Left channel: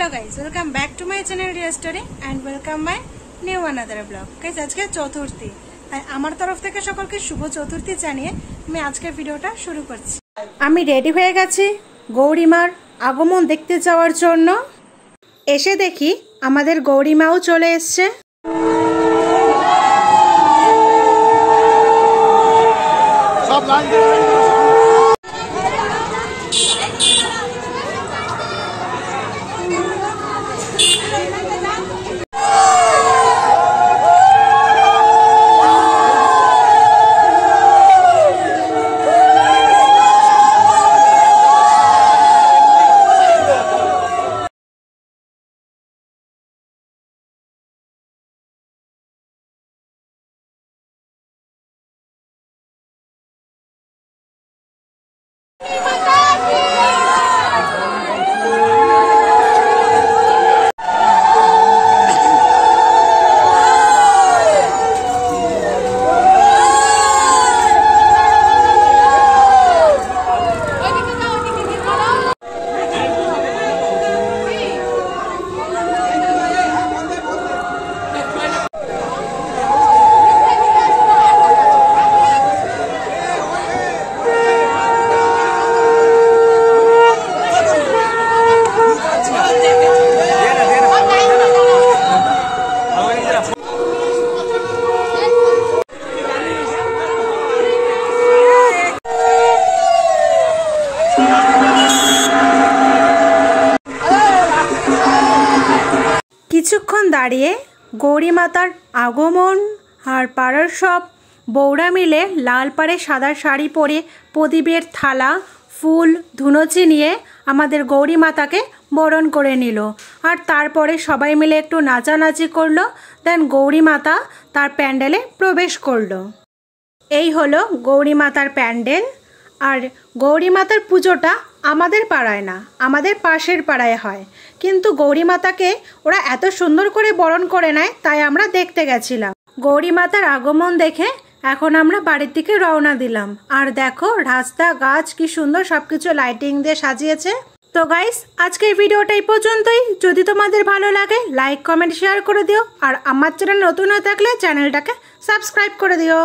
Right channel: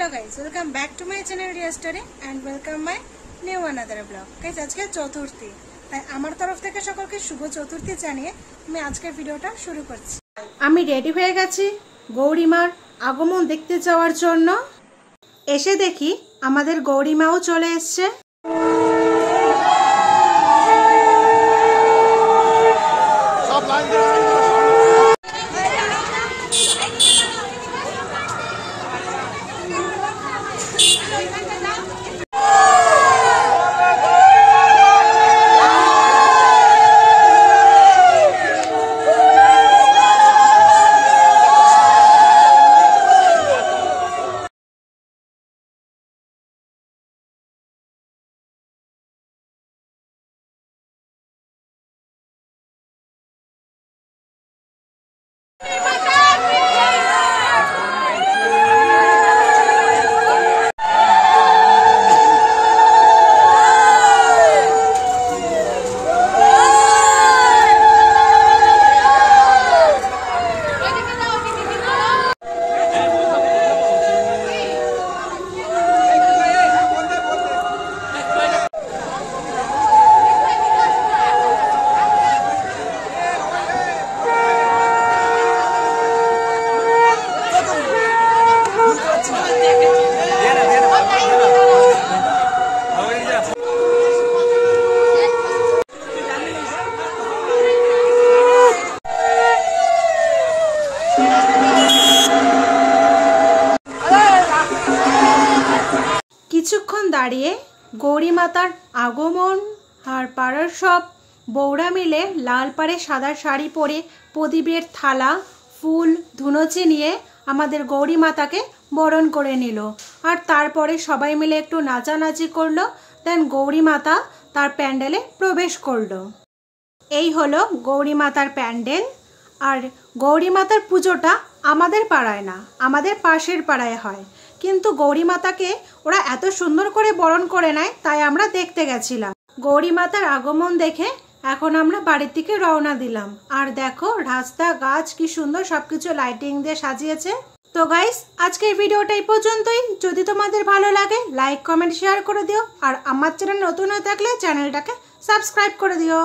Hello guys welcome back to my channel Riya story and welcome my new another blog. Guys আজকে চতুর্থী, তাই আমার তরফ থেকে সকলকে শুভ চতুর্থী জানিয়ে আমি আজকের ভিডিওটা শুরু করছি। আমি রেডি হয়ে গেছি গৌরীমার আগমন দেখতে যাওয়ার জন্য। এসে দেখি আমাদের গৌরীমাও চলে এসছে। কিছুক্ষণ দাঁড়িয়ে গৌরী মাতার আগমন আর পাড়ার সব বউরা মিলে লাল পাড়ে সাদা শাড়ি পরে প্রদীপের থালা ফুল ধুনুচি নিয়ে আমাদের গৌরী মাতাকে বরণ করে নিল। আর তারপরে সবাই মিলে একটু নাচানাচি করলো। দেন গৌরী মাতা তার প্যান্ডেলে প্রবেশ করলো। এই হলো গৌরী মাতার প্যান্ডেল। আর গৌরী মাতার পুজোটা আমাদের পাড়ায় না, আমাদের পাশের পাড়ায় হয়, কিন্তু গৌরী মাতাকে ওরা এত সুন্দর করে বরণ করে নেয়, তাই আমরা দেখতে গেছিলাম। গৌরী মাতার আগমন দেখে এখন আমরা বাড়ির দিকে রওনা দিলাম। আর দেখো রাস্তা গাছ কি সুন্দর সবকিছু লাইটিং দিয়ে সাজিয়েছে। তো গাইস আজকের ভিডিওটা এই পর্যন্তই। যদি তোমাদের ভালো লাগে লাইক কমেন্ট শেয়ার করে দিও। আর আমার চ্যানেল নতুন হয়ে থাকলে চ্যানেলটাকে সাবস্ক্রাইব করে দিও।